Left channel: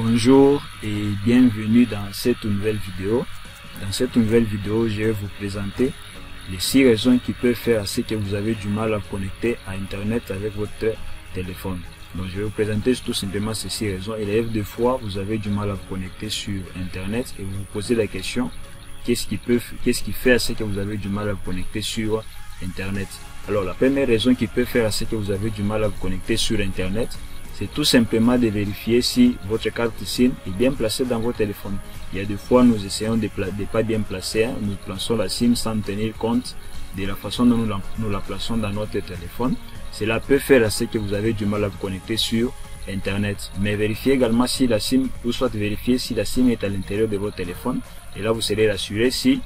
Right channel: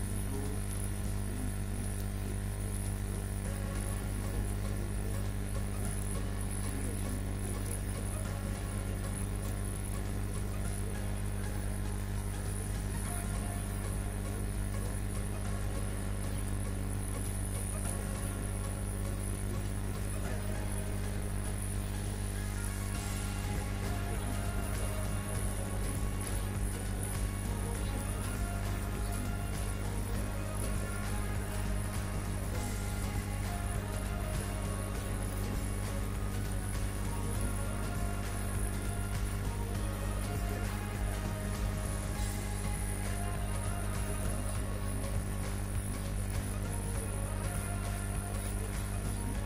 Bonjour et bienvenue dans cette nouvelle vidéo. Dans cette nouvelle vidéo, je vais vous présenter les 6 raisons qui peuvent faire à ce que vous avez du mal à connecter à Internet avec votre téléphone. Donc, je vais vous présenter tout simplement ces 6 raisons. Il arrive des fois, vous avez du mal à connecter sur Internet et vous vous posez la question, qu'est-ce qui fait à ce que vous avez du mal à connecter sur Internet? Alors, la première raison qui peut faire à ce que vous avez du mal à vous connecter sur Internet, c'est tout simplement de vérifier si votre carte SIM est bien placée dans votre téléphone. Il y a des fois, nous essayons de pas bien placer, nous plaçons la SIM sans tenir compte de la façon dont nous la plaçons dans notre téléphone. Cela peut faire à ce que vous avez du mal à vous connecter sur Internet. Mais vérifiez également si la SIM, ou soit vérifier si la SIM est à l'intérieur de votre téléphone. Et là, vous serez rassuré si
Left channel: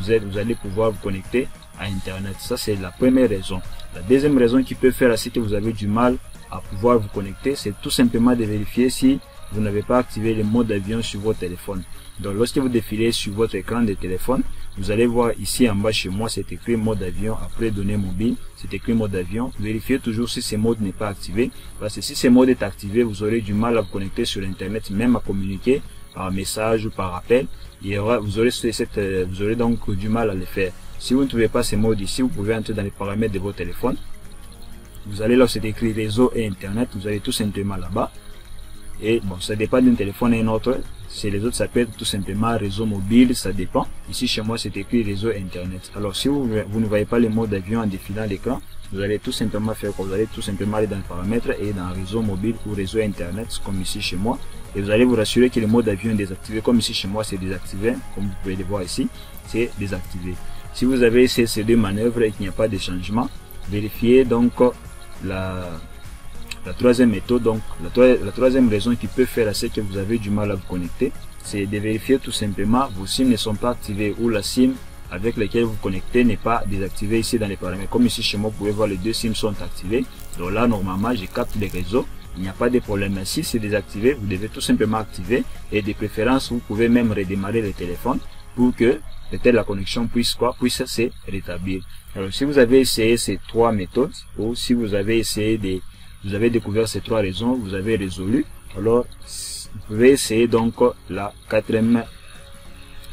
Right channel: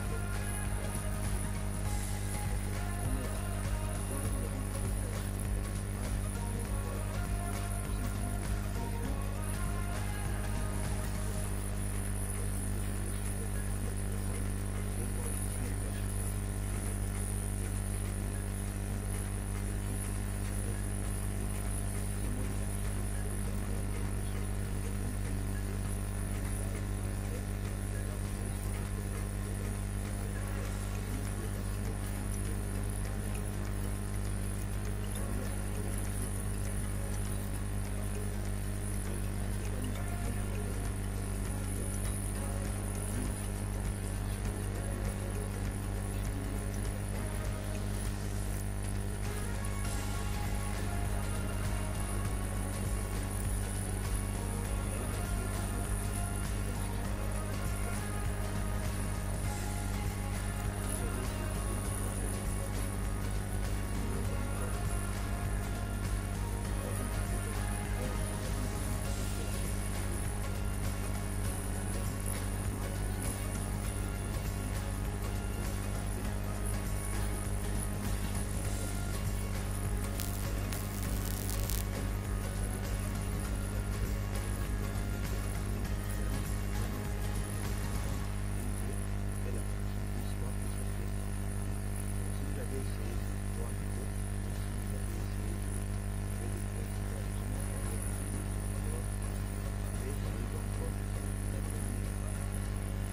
vous allez pouvoir vous connecter à Internet. Ça, c'est la première raison. La deuxième raison qui peut faire à ce que vous avez du mal à pouvoir vous connecter, c'est tout simplement de vérifier si vous n'avez pas activé le mode avion sur votre téléphone. Donc lorsque vous défilez sur votre écran de téléphone, vous allez voir ici en bas chez moi, c'est écrit mode avion, après données mobiles, c'est écrit mode avion. Vérifiez toujours si ce mode n'est pas activé, parce que si ce mode est activé, vous aurez du mal à vous connecter sur Internet, même à communiquer par message ou par appel. Vous aurez donc du mal à le faire. Si vous ne trouvez pas ce mode ici, vous pouvez entrer dans les paramètres de votre téléphone. Vous allez là où c'est écrit réseau et Internet, vous allez tout simplement là-bas. Et bon, ça dépend d'un téléphone et un autre. Chez les autres, ça peut être tout simplement réseau mobile, ça dépend. Ici, chez moi, c'est écrit réseau Internet. Alors, si vous ne voyez pas le mode avion en défilant l'écran, vous allez tout simplement faire quoi? Vous allez tout simplement aller dans les paramètres et dans réseau mobile ou réseau Internet, comme ici chez moi. Et vous allez vous rassurer que le mode avion est désactivé, comme ici chez moi, c'est désactivé. Comme vous pouvez le voir ici, c'est désactivé. Si vous avez essayé ces deux manœuvres et qu'il n'y a pas de changement, vérifiez donc la troisième méthode. Donc la troisième raison qui peut faire à ce que vous avez du mal à vous connecter, c'est de vérifier tout simplement vos SIM ne sont pas activés ou la SIM avec laquelle vous connectez n'est pas désactivée ici dans les paramètres. Comme ici chez moi, vous pouvez voir les deux SIM sont activés. Donc là normalement je capte les réseaux, il n'y a pas de problème. Si c'est désactivé, vous devez tout simplement activer et de préférence vous pouvez même redémarrer le téléphone pour que peut-être la connexion puisse se rétablir. Alors si vous avez essayé ces 3 méthodes, ou si vous avez découvert ces 3 raisons, vous avez résolu, alors vous pouvez essayer donc la 4e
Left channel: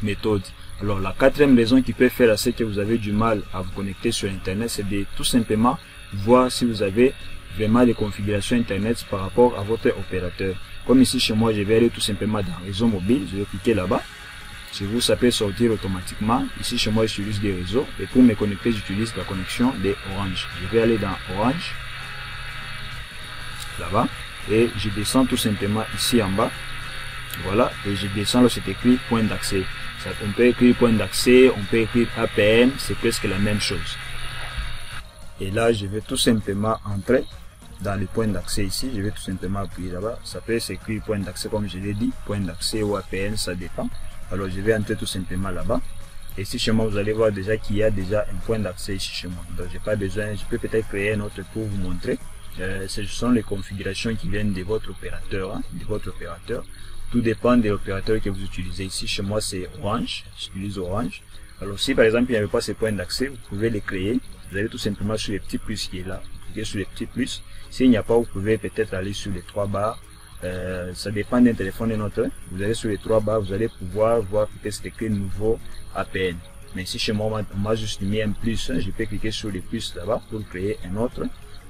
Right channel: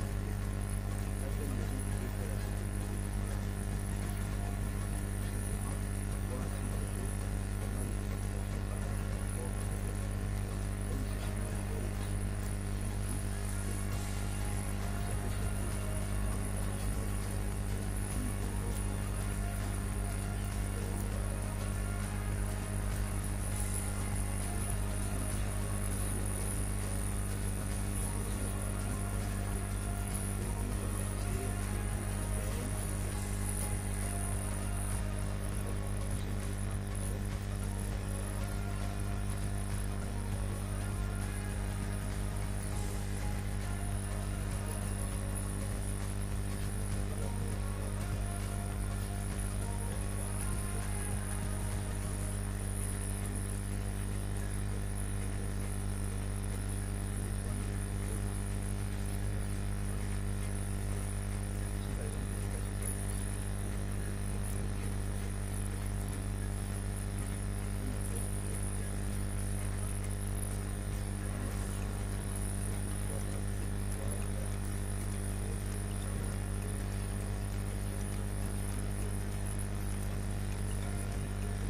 méthode. Alors la 4e raison qui peut faire à ce que vous avez du mal à vous connecter sur Internet, c'est de tout simplement voir si vous avez vraiment des configurations Internet par rapport à votre opérateur. Comme ici chez moi, je vais aller tout simplement dans réseau mobile, je vais cliquer là-bas. Chez vous, ça peut sortir automatiquement. Ici, chez moi, j'utilise des réseaux. Et pour me connecter, j'utilise la connexion des Orange. Je vais aller dans Orange. Là-bas. Et je descends tout simplement ici en bas. Voilà. Et je descends là, c'est écrit point d'accès. On peut écrire point d'accès, on peut écrire APN. C'est presque la même chose. Et là, je vais tout simplement entrer dans les points d'accès ici. Je vais tout simplement appuyer là-bas. Ça peut s'écrire point d'accès, comme je l'ai dit. Point d'accès ou APN, ça dépend. Alors je vais entrer tout simplement là-bas. Et ici chez moi, vous allez voir déjà qu'il y a déjà un point d'accès ici chez moi. Donc j'ai pas besoin, je peux peut-être créer un autre pour vous montrer. Ce sont les configurations qui viennent de votre opérateur. Tout dépend de l'opérateur que vous utilisez. Ici chez moi c'est Orange, j'utilise Orange. Alors si par exemple il n'y avait pas ce point d'accès, vous pouvez les créer. Vous allez tout simplement sur les petits plus qui est là. Cliquez sur les petits plus. S'il n'y a pas, vous pouvez peut-être aller sur les 3 barres. Ça dépend d'un téléphone et notre. Vous allez sur les 3 barres, vous allez pouvoir voir peut-être c'est écrit nouveau APN. Mais ici chez moi, on m'a juste mis un plus. Je peux cliquer sur les plus là-bas pour créer un autre.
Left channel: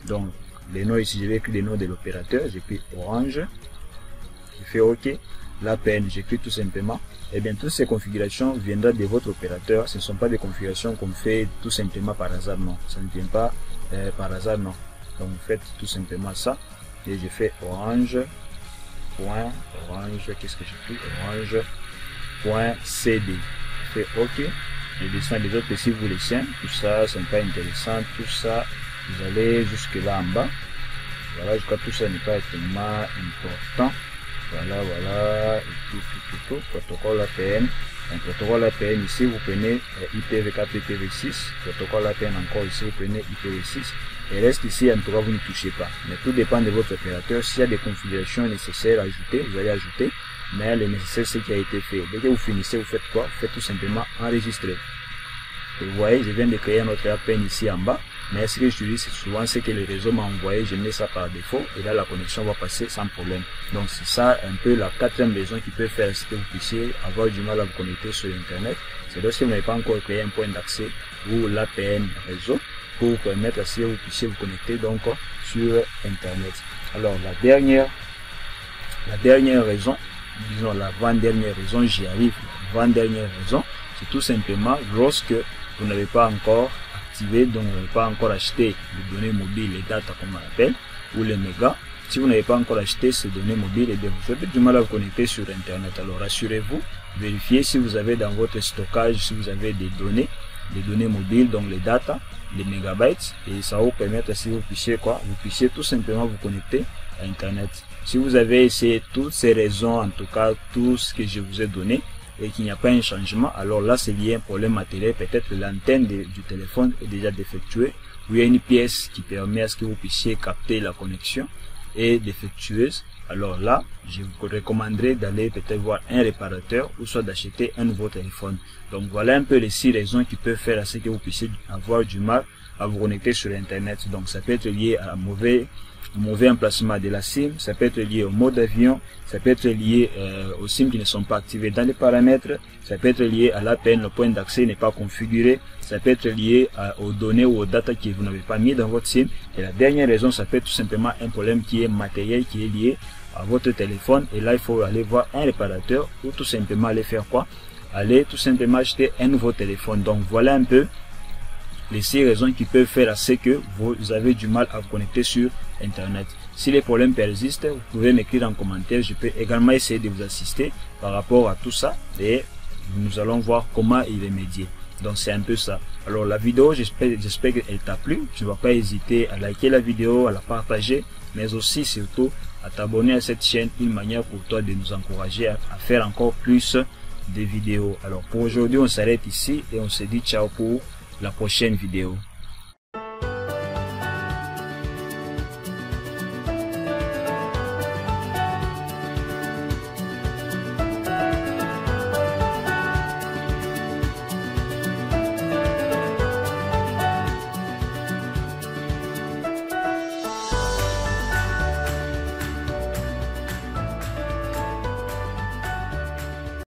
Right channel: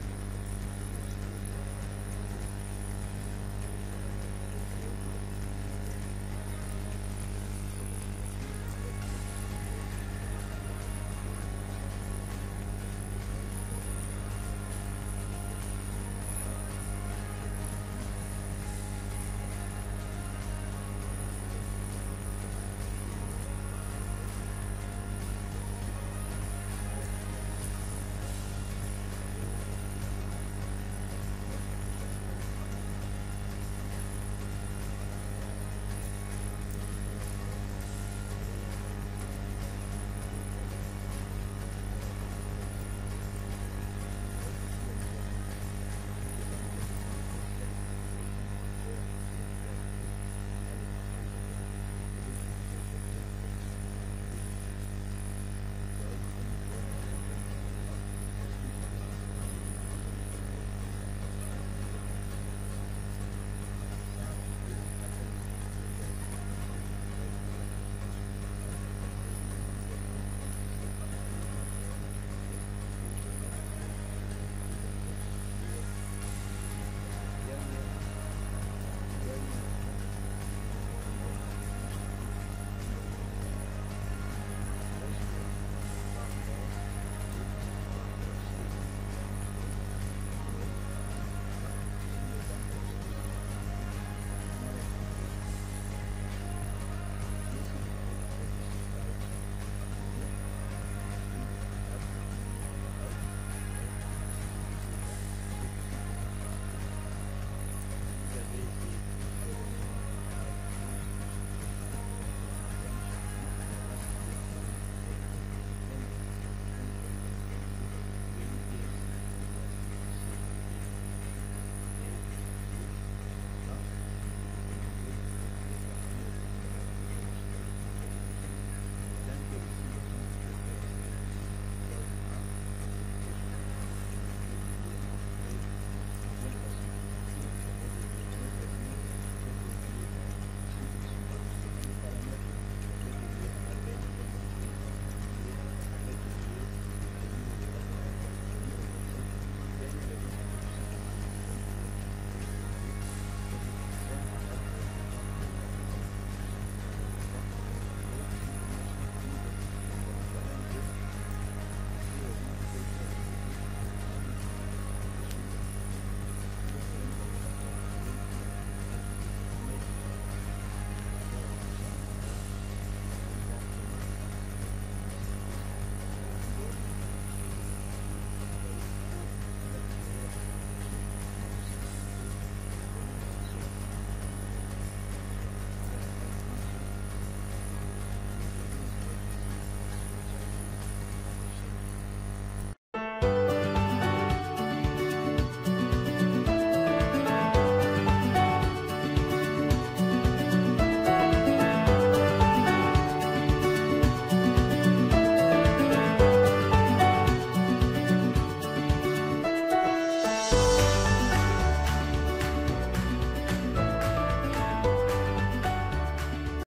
Donc les noms ici, je vais écrire les noms de l'opérateur. J'écris Orange. Je fais OK. L'APN, j'écris tout simplement. Et bien toutes ces configurations viendront de votre opérateur. Ce ne sont pas des configurations qu'on fait tout simplement par hasard, non. Ça ne vient pas par hasard, non. Donc vous faites tout simplement ça. Et je fais Orange. Orange, qu'est-ce que j'ai pris? Orange.cd. Je fais OK. Je descends les autres ici, vous les tiens. Tout ça, c'est pas intéressant. Tout ça, vous allez jusque là en bas. Voilà, je crois que tout ça n'est pas extrêmement important. Voilà. Tout. Protocole APN. Un protocole APN ici, vous prenez IPv4, IPv6. Protocole APN encore ici, vous prenez IPv6. Et reste ici, en tout cas, vous ne touchez pas. Mais tout dépend de votre opérateur. S'il y a des configurations nécessaires à ajouter, vous allez ajouter. Mais le nécessaire, c'est ce qui a été fait. Dès que vous finissez, vous faites quoi? Vous faites tout simplement enregistrer. Et vous voyez, je viens de créer notre APN ici en bas. Mais ce que j'utilise souvent, c'est que le réseau m'a envoyé, je mets ça par défaut et là la connexion va passer sans problème. Donc c'est ça un peu la quatrième raison qui peut faire ce que vous puissiez avoir du mal à vous connecter sur Internet. C'est lorsque vous n'avez pas encore créé un point d'accès ou l'APN réseau pour vous permettre à ce que vous puissiez vous connecter donc sur Internet. Alors la dernière raison, disons l'avant-dernière raison, j'y arrive, l'avant-dernière raison, c'est tout simplement lorsque vous n'avez pas encore activé, donc vous n'avez pas encore acheté les données mobiles, les data qu'on appelle, ou les mégas. Si vous n'avez pas encore acheté ces données mobiles, et bien vous faites du mal à vous connecter sur Internet. Alors rassurez-vous, vérifiez si vous avez dans votre stockage, si vous avez des données mobiles, donc les data, les mégabytes, et ça va vous permettre si vous puissiez vous puissiez tout simplement vous connecter à Internet. Si vous avez essayé toutes ces raisons, en tout cas tout ce que je vous ai donné, et qu'il n'y a pas un changement, alors là c'est lié à un problème matériel. Peut-être l'antenne du téléphone est déjà défectueuse, ou il y a une pièce qui permet à ce que vous puissiez capter la connexion est défectueuse. Alors là, je vous recommanderais d'aller peut-être voir un réparateur ou soit d'acheter un nouveau téléphone. Donc voilà un peu les 6 raisons qui peuvent faire à ce que vous puissiez avoir du mal à vous connecter sur Internet. Donc ça peut être lié à un mauvais emplacement de la SIM, ça peut être lié au mode avion, ça peut être lié aux SIM qui ne sont pas activés dans les paramètres, ça peut être lié à l'APN, le point d'accès n'est pas configuré, ça peut être lié aux données ou aux data que vous n'avez pas mis dans votre SIM. Et la dernière raison, ça peut être tout simplement un problème qui est matériel, qui est lié à votre téléphone. Et là, il faut aller voir un réparateur ou tout simplement aller faire quoi? Aller tout simplement acheter un nouveau téléphone. Donc voilà un peu les 6 raisons qui peuvent faire à ce que vous avez du mal à vous connecter sur Internet. Si les problèmes persistent, vous pouvez m'écrire en commentaire. Je peux également essayer de vous assister par rapport à tout ça et nous allons voir comment y remédier. Donc c'est un peu ça. Alors la vidéo, j'espère qu'elle t'a plu. Tu ne vas pas hésiter à liker la vidéo, à la partager, mais aussi surtout à t'abonner à cette chaîne, une manière pour toi de nous encourager à faire encore plus de vidéos. Alors pour aujourd'hui, on s'arrête ici et on se dit ciao pour la prochaine vidéo.